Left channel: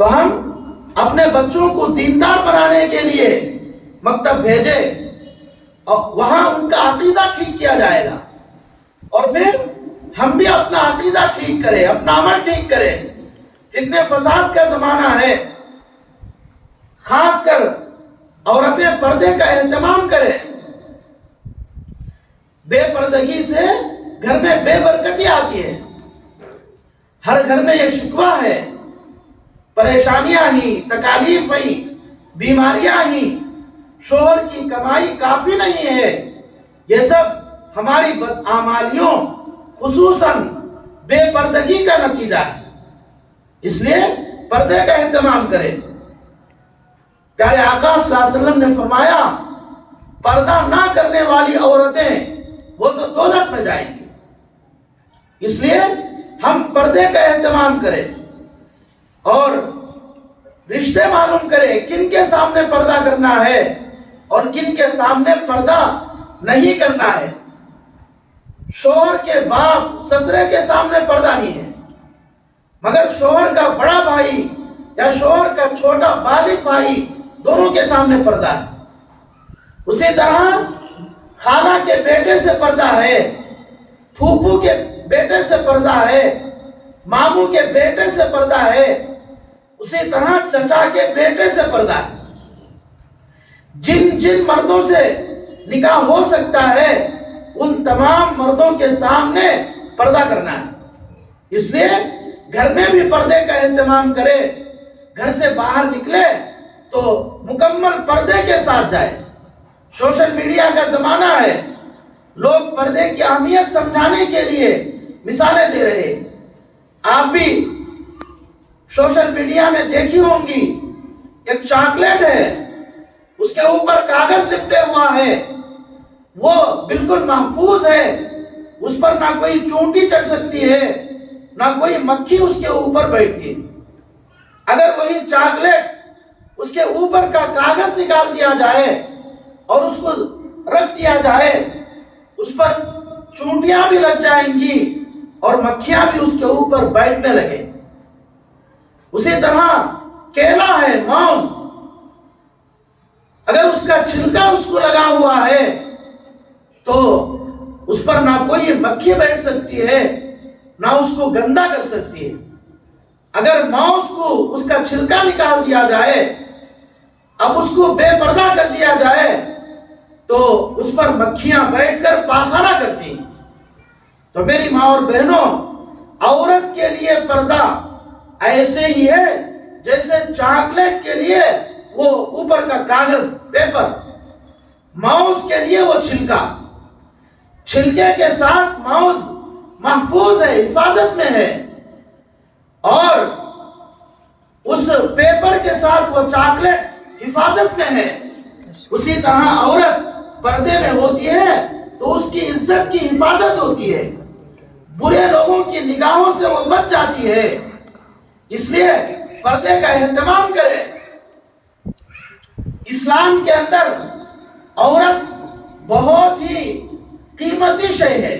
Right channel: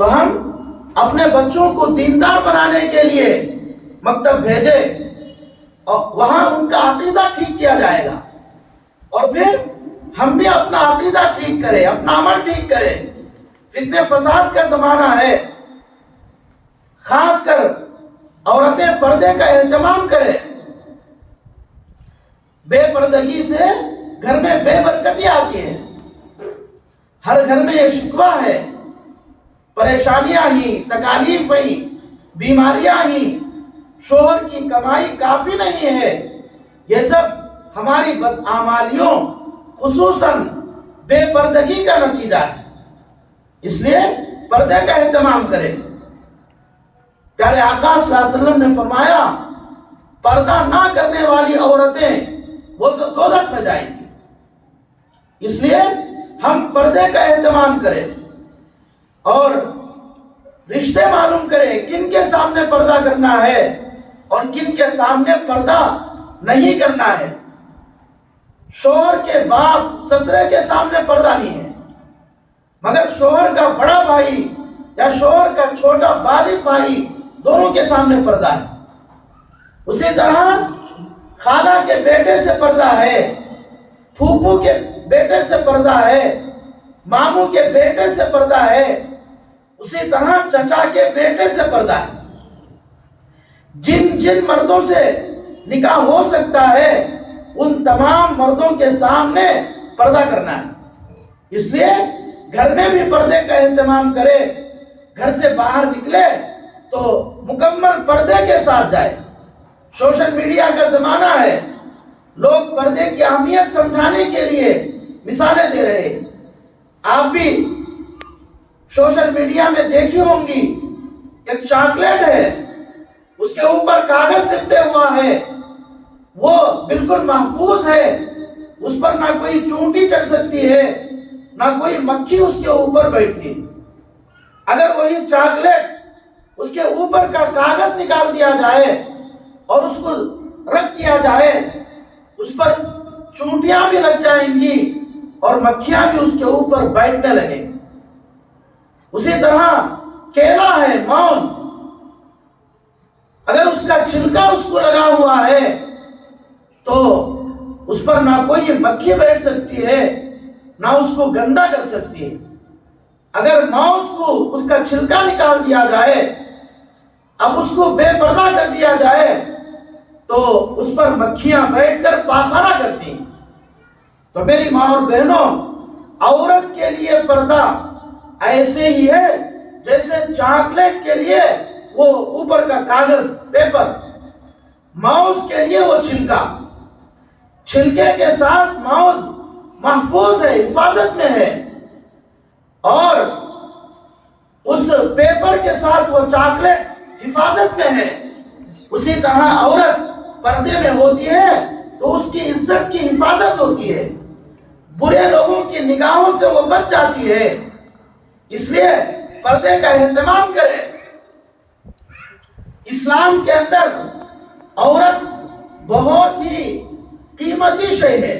تو ہم اپنے بچوں کو دیندار بنانے کے لیے مکتب بھیجے اور وہاں ان کا عقیدہ ٹھیک کیا جائے گا، اور پھر ہم بھی اپنا عقیدہ ٹھیک کریں، اپنا عمل ٹھیک کریں۔ فتنہ فساد کا زمانہ ہے، خاص کر عورتیں پردے کا اہتمام کریں۔ بے پردگی سے گھر میں بے برکتی آتی ہے، ہر گھر میں یہ شکوہ ہے، پریشانیاں ہی، تکالیف ہی، بیماریاں ہی، شوہر کی کمائی کافی نہیں ہے، یہ سب ہماری بدعمالیوں خصوصاً بے پردگی کا نتیجہ ہے۔ اس لیے پردے کا اہتمام کریں۔ پیارے آقا صلی اللہ علیہ وسلم نے فرمایا پردہ نہ کرنے والی عورتیں وہ تو دوزخ میں جائیں گی۔ اس لیے ہم پردے کا اہتمام کریں اور رشتے معلوم کریں کن کے سامنے پردہ کرنا ہے اور کن کے سامنے پردہ نہیں کرنا ہے۔ شوہر کے باپ سسرے کے سامنے پردہ نہیں ہے، مگر شوہر کا بڑا بھائی یا شوہر کا چھوٹا بالغ بھائی دونوں کے سامنے پردہ ہے۔ اسی طرح خالہ کے بیٹے سے پردہ ہے، پھوپھو کے بیٹے سے پردہ ہے، ماموں کے بیٹے سے پردہ ہے، اسی طرح چچا کے بیٹے سے پردہ ہے۔ جن جن مردوں سے نکاح ہو سکتا ہے ان تمام مردوں کے سامنے پردہ کرنا ہے۔ اس لیے گھر میں بھی پردے کا اہتمام کرے، گھر سے باہر نکلے تو مکمل پردے کے ساتھ جائے۔ سوشل میڈیا کا زمانہ ہے، لوگ پردے کی اہمیت سمجھانے کے لیے مثالیں دے رہے ہیں۔ آپ بھی سوشل میڈیا میں دیکھی ہوں گی، ایک چاکلیٹ ہے، اس کے اوپر کاغذ لپٹے ہوا ہے، وہ بالکل محفوظ ہے، اس پر نہ کوئی چونٹی چڑھ سکتی ہے، نہ کوئی مکھی اس کے اوپر بیٹھتی ہے۔ اگر وہی چاکلیٹ اس کے اوپر کا کاغذ نکال دیا جائے اور اس کو رکھ دیا جائے، اس پر چونٹیاں بھی لگ جائیں گی اور مکھیاں بھی اس کے اوپر بیٹھنے لگیں۔ اسی طرح کیلا ہے، موز، اگر اس کا چھلکا اس کو لگا ہوا ہے تو اس پر نہ کوئی مکھی بیٹھ سکتی ہے، نہ اس کو گندا کر سکتی ہے۔ اگر موز کو اس کا چھلکا نکال دیا جائے، اب اس کو بے پردہ کر دیا جائے تو اس پر مکھیاں بیٹھ کر پاخانہ کرتی ہیں۔ تو میری ماں اور بہنوں، عورت کے لیے پردہ ایسے ہی ہے جیسے چاکلیٹ کے لیے وہ اوپر کا کاغذ، پیپر، ماؤس کے لیے وہ چھلکا۔ چھلکے کے ساتھ ماؤس محفوظ ہے، حفاظت میں ہے، اور اس پیپر کے ساتھ وہ چاکلیٹ حفاظت میں ہے۔ اسی طرح عورت پردے میں ہوتی ہے تو اس کی عزت کی حفاظت ہوتی ہے، برے لوگوں کی نگاہوں سے وہ بچ جاتی ہے۔ اس لیے پردے کا اہتمام کرے۔ اسلام کے اندر عورت بہت ہی قیمتی شے ہے،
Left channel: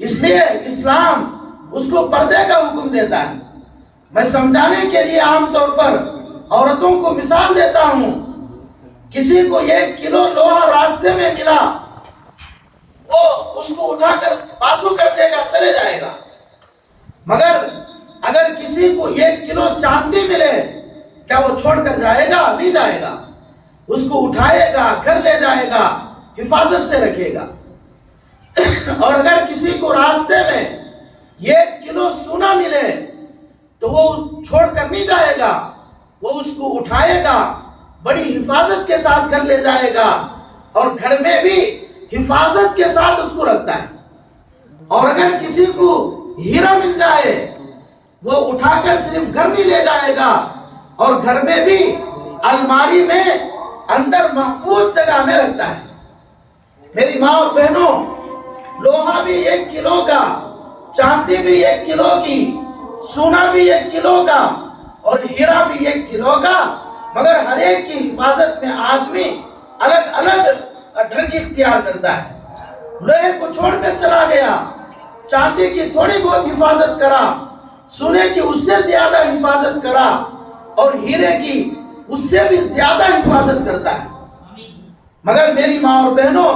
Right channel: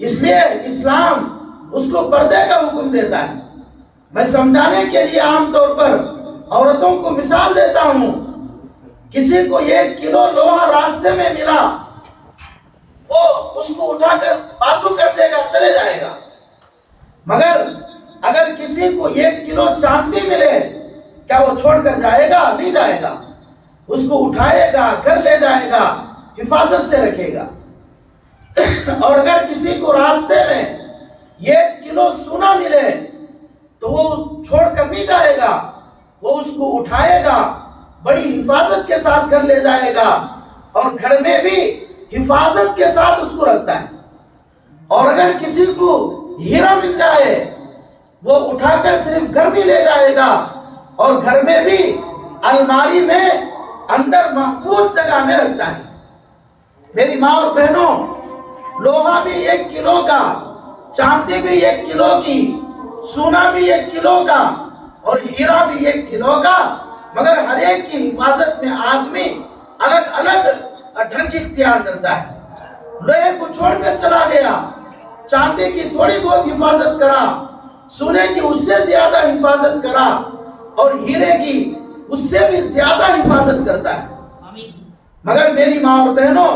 اس لیے اسلام اس کو پردے کا حکم دیتا ہے۔ میں سمجھانے کے لیے عام طور پر عورتوں کو مثال دیتا ہوں۔ کسی کو 1 کلو لوہا راستے میں ملا، وہ اس کو اٹھا کر بازو کر دے گا، چلے جائے گا۔ مگر اگر کسی کو 1 کلو چاندی ملے، کیا وہ چھوڑ کر جائے گا؟ نہیں جائے گا، اس کو اٹھائے گا، گھر لے جائے گا، حفاظت سے رکھے گا۔ اور اگر کسی کو راستے میں 1 کلو سونا ملے تو وہ چھوڑ کر نہیں جائے گا، وہ اس کو اٹھائے گا، بڑی حفاظت کے ساتھ گھر لے جائے گا، اور گھر میں بھی حفاظت کے ساتھ اس کو رکھتا ہے۔ اور اگر کسی کو ہیرا مل جائے، وہ اٹھا کر صرف گھر نہیں لے جائے گا، اور گھر میں بھی الماری میں اندر محفوظ جگہ میں رکھتا ہے۔ میری ماں اور بہنوں، لوہا بھی 1 کلو کا، چاندی بھی 1 کلو کی، سونا بھی 1 کلو کا، اور ہیرا بھی 1 کلو کا، مگر ہر ایک کی حفاظت میں آدمی الگ الگ ڈھنگ اختیار کرتا ہے۔ لوہے کو چھوڑ کر چلا گیا، چاندی کی تھوڑی بہت حفاظت کرا، سونے کی اس سے زیادہ حفاظت کرا اور ہیرے کی اس سے بھی زیادہ حفاظت کرتا ہے. مگر میری ماں اور بہنوں،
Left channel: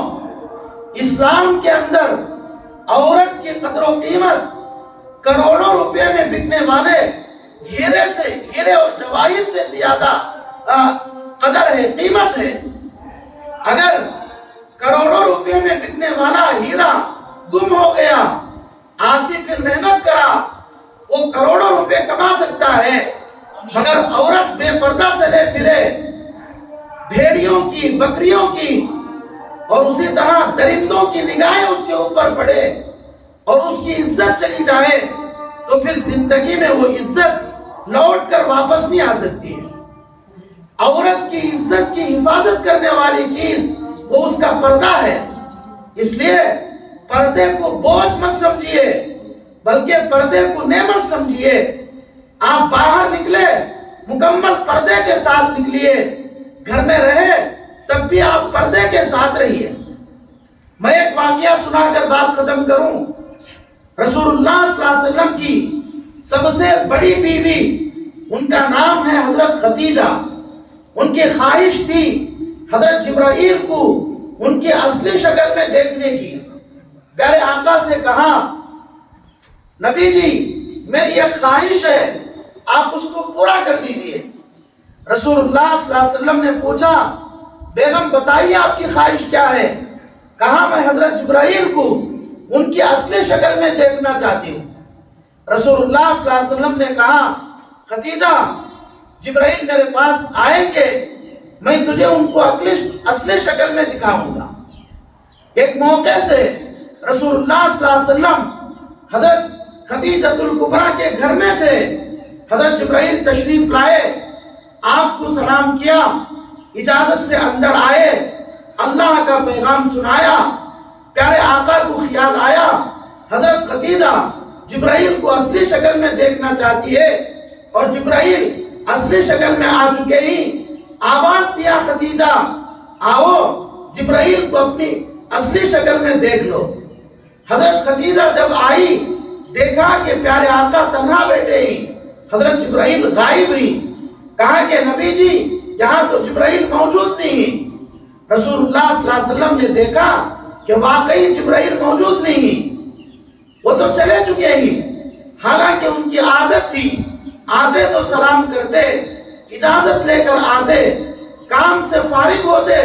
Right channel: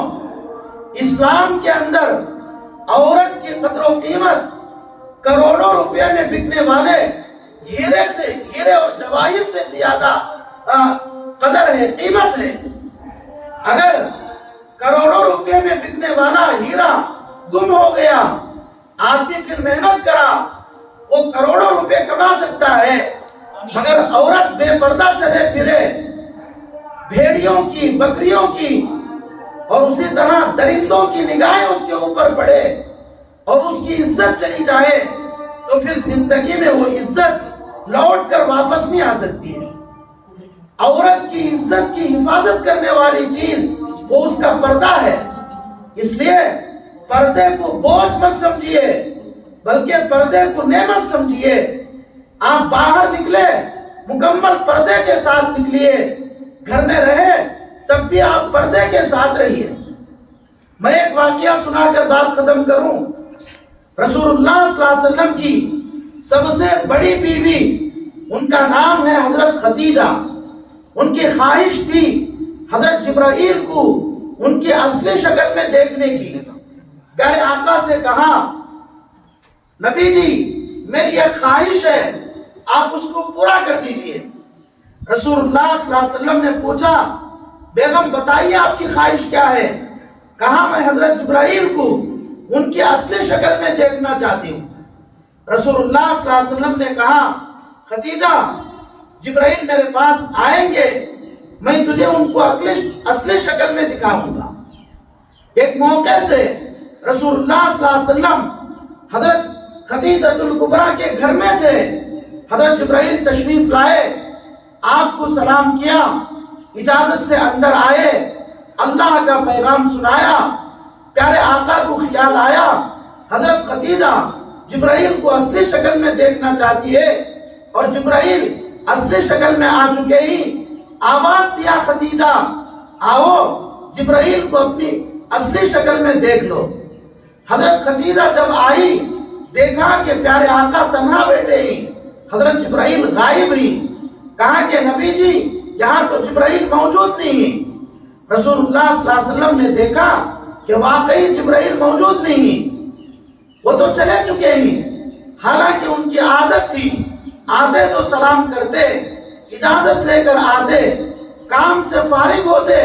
اسلام کے اندر عورت کی قدر و قیمت کروڑوں روپے میں بکنے والے ہیرے اور جواہر سے زیادہ قدر ہے، قیمت ہے. اگر کروڑوں روپے میں بکنے والا ہیرا گم ہو گیا، آدمی پھر محنت کرا وہ کروڑوں روپے کما سکتا ہے، مگر عورت بے پردہ چلے پھرے، بھیڑیوں کی، بکریوں کی اور اسی طرح درندوں کی نگاہیں اس کے اوپر پڑے اور اس کی عزت چلی جائے، تو پھر زندگی میں وہ عزت لوٹ کر واپس نہیں آ سکتی ہے. عورت کی عزت کی حفاظت کرنے والی چیز وہ اس کا پردہ ہے. اس لیے پردے کو بوجھ مت سمجھیے، بلکہ پردے کو نعمت سمجھیے. آپ باہر نکلے مکمل پردے کے ساتھ نکلیے، گھر میں رہے تب بھی آپ پردے کے ساتھ رہیے. میں ایک واقعہ سنا کر بات ختم کروں. رسول اللہ صلی اللہ علیہ وسلم کی سب سے بڑی بیوی، ان کا نام ہے حضرت خدیجہ. ان کی خواہش تھی حضرت جبرائیل کو ان کی اصلی شکل میں دیکھنے کی. پیارے آقا سے کہا، نبی جی میری ایک خواہش ہے، آپ اس کو پورا کر دیجئے. رسول اللہ صلی اللہ علیہ وسلم نے پوچھا، بیگم بتائیے آپ کی خواہش کیا ہے؟ کہا میں حضرت جبرائیل کو ان کی اصلی شکل میں دیکھنا چاہتی ہوں. رسول اللہ صلی اللہ علیہ وسلم نے کہا، خدیجہ جبرائیل میرے پاس آئیں گے، میں تجھے ان کو اصلی شکل میں دکھاؤں گا. ایک موقع سے رسول اللہ صلی اللہ علیہ وسلم حضرت خدیجۃ الکبریٰ کے گھر میں تھے. حضرت جبرائیل تشریف لائے، آپ کو سلام کیا، اجازت سے اندر آئے، اللہ کا پیغام سنایا. پیارے آقا کو خیال آیا حضرت خدیجہ جبرائیل کو اصلی شکل میں دیکھنا چاہتی ہے، اور جبرائیل اصلی شکل میں آ چکے ہی آواز دیا، خدیجہ آؤ جبرائیل کو اپنی اصلی شکل میں دیکھ لو. حضرت خدیجہ جب آئی، دیکھا کہ پیارے آقا تنہا بیٹھے ہی، حضرت جبرائیل غائب ہوئی. کہا کہ نبی جی یہاں تو جبرائیل موجود نہیں. رسول اللہ صلی اللہ علیہ وسلم نے دیکھا کہ واقعی جبرائیل موجود نہیں، وہ تو چلے چکے ہی. حالانکہ ان کی عادت تھی، آتے تو سلام کرتے، اجازت لے کر آتے، کام سے فارغ ہوتے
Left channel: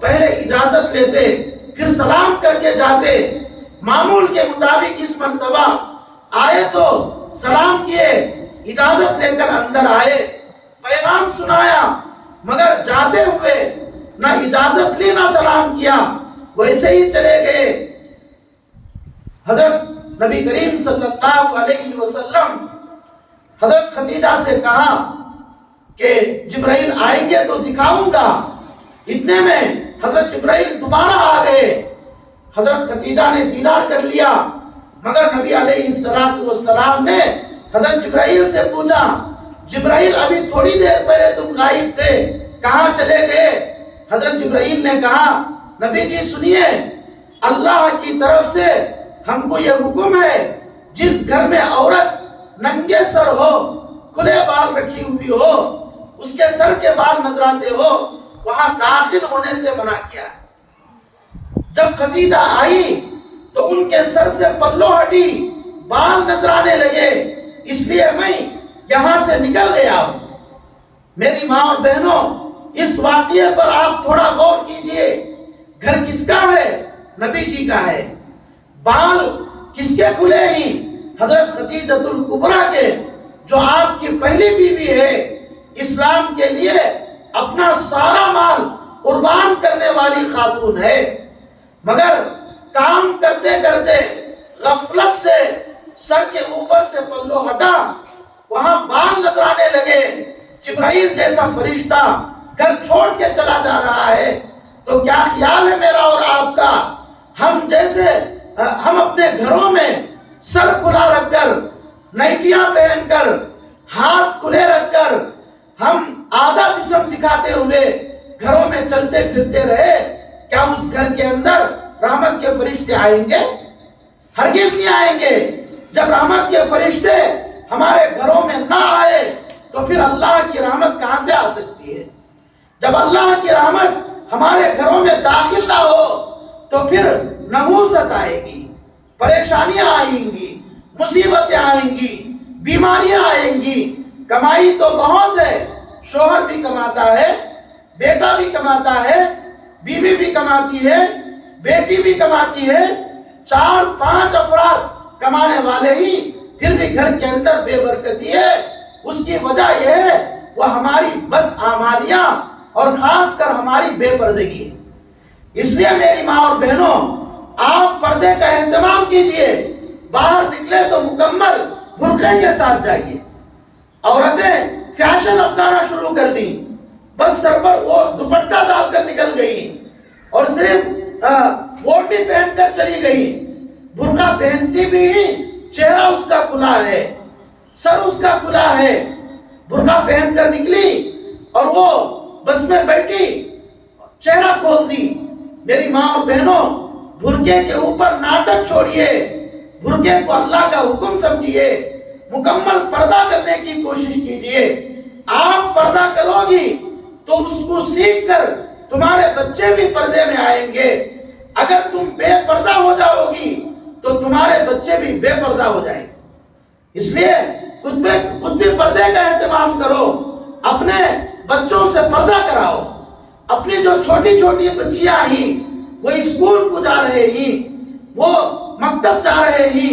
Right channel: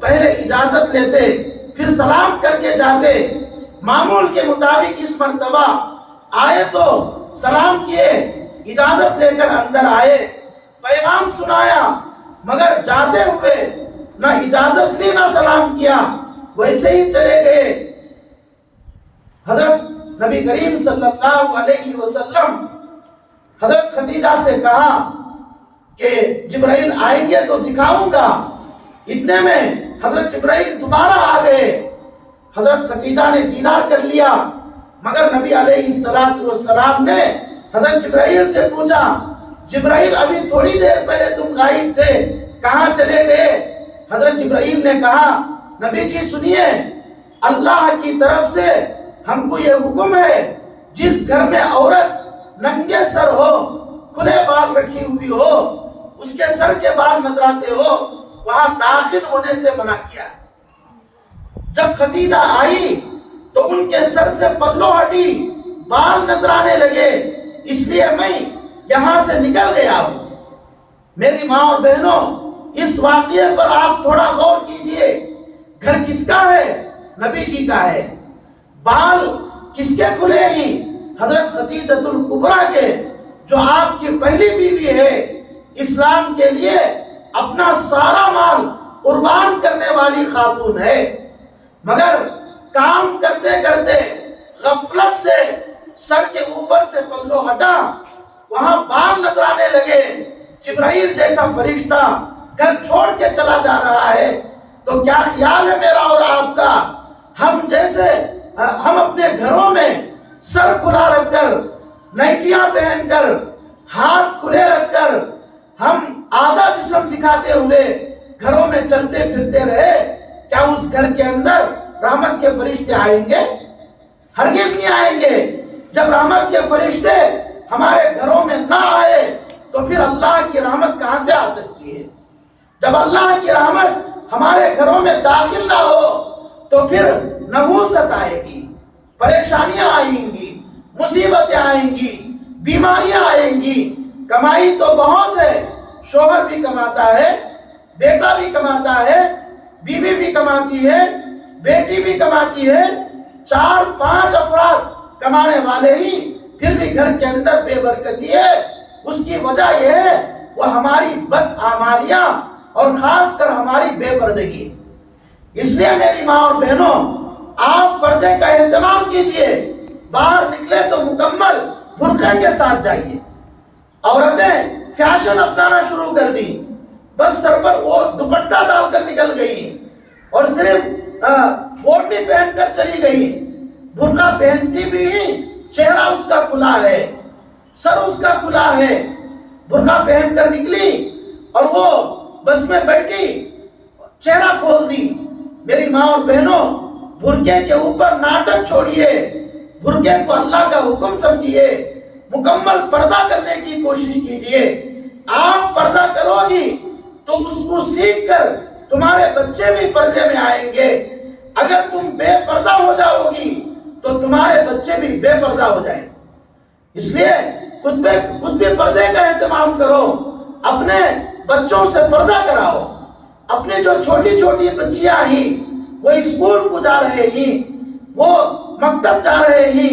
پہلے اجازت لیتے پھر سلام کر کے جاتے. معمول کے مطابق اس مرتبہ آئے تو سلام کیے، اجازت لے کر اندر آئے، پیغام سنایا، مگر جاتے ہوئے نہ اجازت لی نہ سلام کیا، ویسے ہی چلے گئے. حضرت نبی کریم صلی اللہ علیہ وسلم حضرت خدیجہ سے کہا کہ جبرائیل آئیں گے تو دکھاؤں گا. اتنے میں حضرت جبرائیل دوبارہ آ گئے. حضرت خدیجہ نے دیدار کر لیا، مگر نبی علیہ السلام نے حضرت جبرائیل سے پوچھا، جبرائیل ابھی تھوڑی دیر پہلے تم غائب تھے، کہاں چلے گئے؟ حضرت جبرائیل نے کہا، نبی جی سنیے، اللہ کی طرف سے ہم کو یہ حکم ہے، جس گھر میں عورت ننگے سر ہو، کھلے بال رکھی ہوئی ہو، اس کے سر کے بال نظر آتے ہو، وہاں داخل ہونے سے منع کیا ہے. جب خدیجہ آئی تو ان کے سر سے پلو ہٹی، بال نظر آنے لگے، اس لیے میں یہاں سے نکل گیا ہوں. میری ماں اور بہنوں، اس واقعے پر آپ تھوڑا غور کیجئے. گھر کس کا ہے؟ نبی جی کا ہے. بال کس کے کھلے ہی؟ حضرت خدیجۃ الکبریٰ کے، جو آپ کی پہلی بیوی ہے، اسلام کے لیے اپنا سارا مال قربان کرنے والی خاتون ہے. مگر کام کرتے کرتے غفلت سے سر کے اوپر سے پلو ہٹا، وہاں بال نظر آنے لگے. جبرائیل جیسا فرشتہ گھر چھوڑ کے چلا جا رہا ہے، تو کیا خیال ہے میرا اور آپ کا؟ ہم اپنے گھروں میں سر کھلا رکھ کر، نائٹیاں پہن کر، ہاتھ کھلے رکھ کر، ہم آدھا جسم دکھاتے ہوئے گھروں میں چلتے پھرتے رہے، کیا اس گھر کے اندر رحمت کے فرشتے آئیں گے؟ ہرگز نہیں آئیں گے. جب رحمت کے فرشتے ہمارے گھروں میں نہ آئے تو پھر اللہ کی رحمت کہاں سے آ سکتی ہے؟ جب اللہ کی رحمت ہمارے گھروں میں داخل نہ ہو تو پھر نحوست آئے گی، پریشانیاں آئیں گی، مصیبتیں آئیں گی، بیماریاں آئیں گی۔ کمائی تو بہت ہے، شوہر بھی کماتا ہے، بیٹا بھی کماتا ہے، بیوی بھی کماتی ہے، بیٹی بھی کماتی ہے، 4-5 افراد کمانے والے ہی پھر بھی گھر کے اندر بے برکتی ہے۔ اس کی وجہ یہ ہے وہ ہماری بدعمالیاں اور خاص کر ہماری بے پردگی۔ اس لیے میری ماں اور بہنوں، آپ پردے کا اہتمام کیجئے، باہر نکلے تو مکمل برقعے کے ساتھ جائیے۔ عورتیں فیشن اپنانا شروع کر دیں، بس سر پر وہ دوپٹہ ڈال کر نکل گئی اور صرف اوڑھنی پہن کر چلی گئی۔ برقع پہنتی بھی چہرہ اس کا کھلا ہے، سر اس کا کھلا ہے، برقع پہن کر نکلی اور وہ بس میں بیٹھی، چہرہ کھول دی۔ میری ماں اور بہنوں، برقعے کے اوپر ناٹک چھوڑیے، برقعے کو اللہ کا حکم سمجھیے، مکمل پردہ کرنے کی کوشش کیجئے۔ آپ پردہ کرو گی تو اس کو سیکھ کر تمہارے بچے بھی پردے میں آئیں گے۔ اگر تم بے پردہ ہو جاؤ گی تو تمہارے بچے بھی بے پردہ ہو جائیں گے۔ اس لیے خود بھی پردے کا اہتمام کرو، اپنے بچوں سے پردہ کراؤ۔ اپنی جو چھوٹی چھوٹی بچیاں ہیں وہ اسکول کو جا رہے ہیں، وہ مکتب جا رہے ہیں،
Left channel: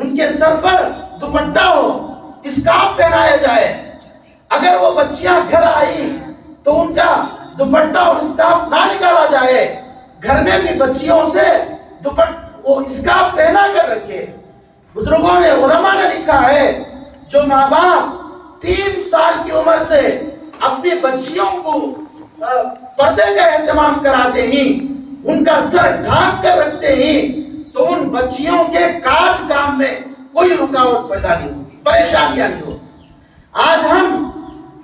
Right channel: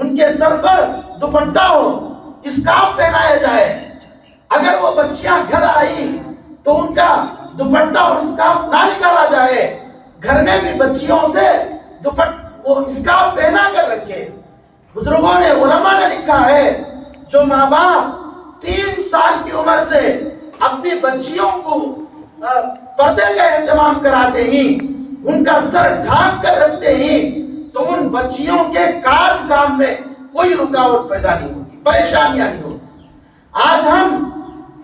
ان کے سر پر دوپٹہ ہو، اسکارف پہنایا جائے۔ اگر وہ بچیاں گھر آئی تو ان کا دوپٹہ اور اسکارف نہ نکالا جائے، گھر میں بھی بچیوں سے وہ اسکارف پہنا کر رکھے۔ بزرگوں نے، علماء نے لکھا ہے، جو ماں باپ 3 سال کی عمر سے اپنی بچیوں کو پردے کا اہتمام کراتے ہیں، ان کا سر ڈھانک کر رکھتے ہیں، تو ان بچیوں کے کام میں کوئی رکاوٹ پیدا نہیں ہوگی، پریشانیاں نہیں ہوگی۔ آج ہم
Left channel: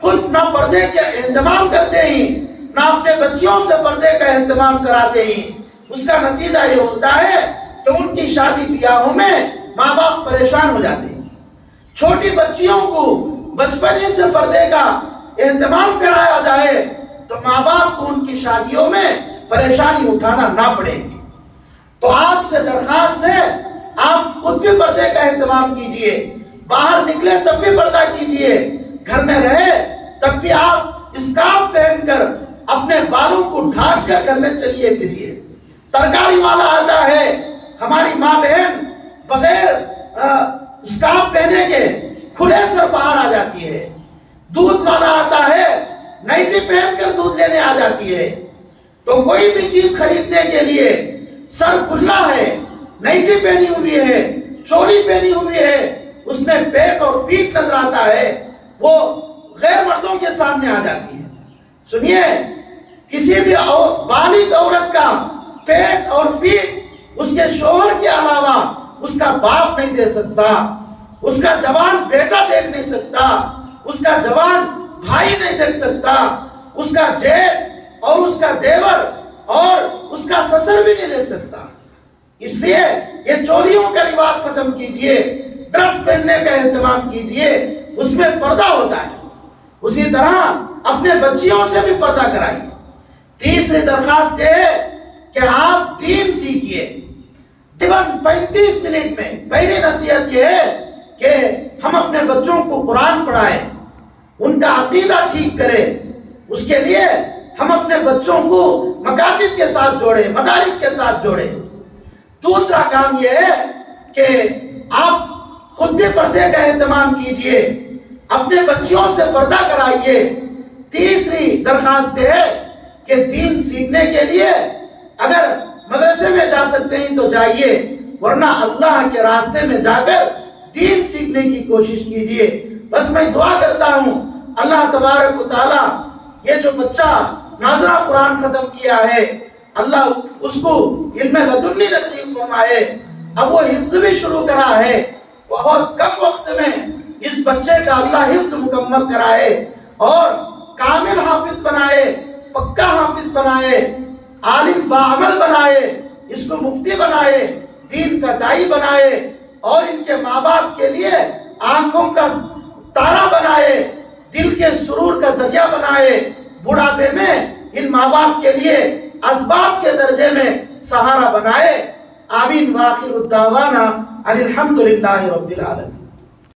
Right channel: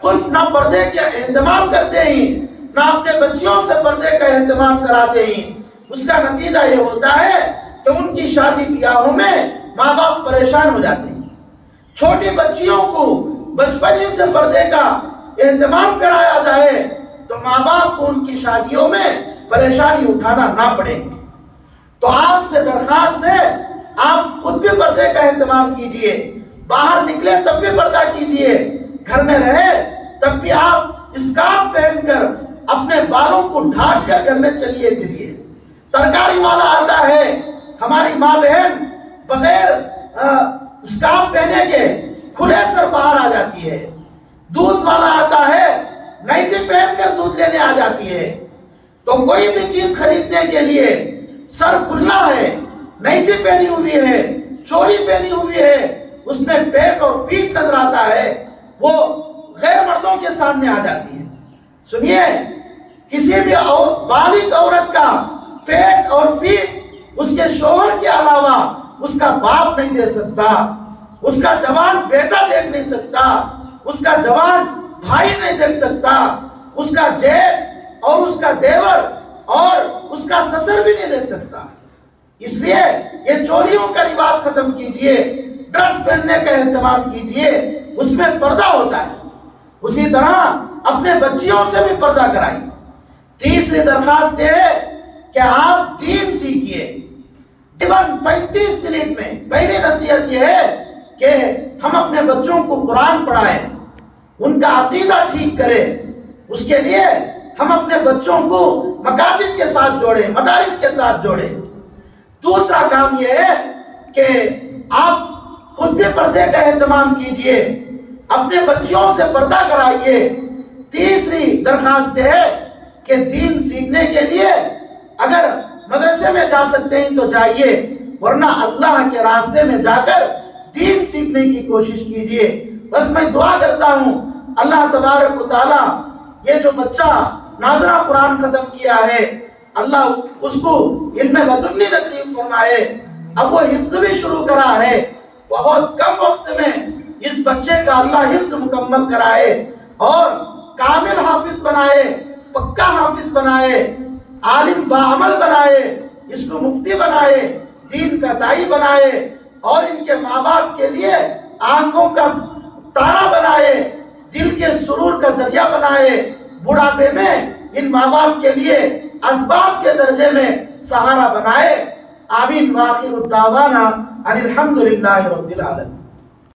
خود نہ پردے کا اہتمام کرتے ہیں، نہ اپنے بچیوں سے پردے کا اہتمام کراتے ہیں۔ اس کا نتیجہ یہ ہوتا ہے کہ ان کی شادی بیاہوں میں ماں باپ پریشان ہو جاتے ہیں۔ چھوٹی بچیوں کو بچپن سے پردے کا اہتمام کرایا جائے تو ماں باپ کو ان کی شادیوں میں پریشانی اٹھانا نہ پڑے۔ تو آپ سے درخواست ہے، آپ خود بھی پردے کا اہتمام کیجئے، باہر نکلے تب بھی پردہ کیجئے، گھر میں رہے تب بھی آپ اسکارف پہن کر اپنے بالوں کو ڈھانک کر گھر میں چلیے پھریے۔ ترکاری والا آتا ہے، ہماری ماں بہن بغیر اسکارف پہنے کے کھلے سر باہر آ جاتی ہے۔ دودھ والا آتا ہے، نائٹی پہن کر دودھ لینے آ جاتی ہے۔ تو کوئی بھی چیز خریدنے کے لیے سر کھلنا ہے، نائٹی پہنی ہوئی ہے، چولی پہنی ہوئی ہے، اس میں پیٹ اور پیٹ نظر آتا ہے، وہ غیر مردوں کے سامنے آ جاتی ہے۔ سنیے، کسی بھی بالغ عورت کا پیٹ اور پیٹ اس کے شوہر کے علاوہ اس کا باپ نہیں دے سکتا، اس کا جوان بیٹا دیکھ نہیں سکتا، اس کا جوان بھائی نہیں دیکھ سکتا، اس کا جیٹ اور اس کا دیور اور اس کا سسر بھی نہیں دیکھ سکتا۔ اس لیے یہ چولیوں کا رواج ختم کیجئے، ڈریس پہننے کا اہتمام کیجئے، اس میں پردہ ہوتا ہے۔ اسی طرح اپنے بچیوں سے بھی پردہ کرائیے۔ تیسری درخواست یہ ہے کہ آپ دین سیکھیے۔ تقریباً 35 منٹ میں پہلی نصیحت یہ ہے کہ ہم اپنے بچوں کو قرآن پڑھائیں، ان کا عقیدہ ٹھیک کریں۔ اس کے لیے ہم اپنے بچوں کو مکاتب کے ساتھ جوڑیں، مدارس کے ساتھ جوڑیں۔ دوسرا کام یہ ہے کہ آپ خود بھی پردے کا اہتمام کیجئے، اپنے بچیوں سے پردہ کرائیے۔ تیسری درخواست ہے کہ دین سیکھنے کے لیے اگر مدرسے میں جا سکتے ہیں تو جائیے، ورنہ اللہ کے راستے میں جا کر دین سیکھنے کی کوشش کیجئے۔ بس میں دعا کرتا ہوں اللہ تبارک و تعالی یہ جو بچہ ناظرہ قرآن ختم کیا ہے، اللہ اس کو علم لدنی نصیب فرمائے۔ اب وہ حفظ بھی شروع کرا ہے، بہت کم وقت میں اس بچے کا اللہ حفظ مکمل کرائے اور کامل حافظ بنائے، پکا حافظ بنائے، عالم باعمل بنائے، اس کو مفتی بنائے، دین کا داعی بنائے اور ان کے ماں باپ کے لیے آنکھوں کا تارا بنائے، دل کے سرور کا ذریعہ بنائے، بڑھاپے میں ان ماں باپ کے لیے اسباب کے درجے میں سہارا بنائے۔ آمین۔ وآخر الدعوانا ان الحمد للہ رب العالمین۔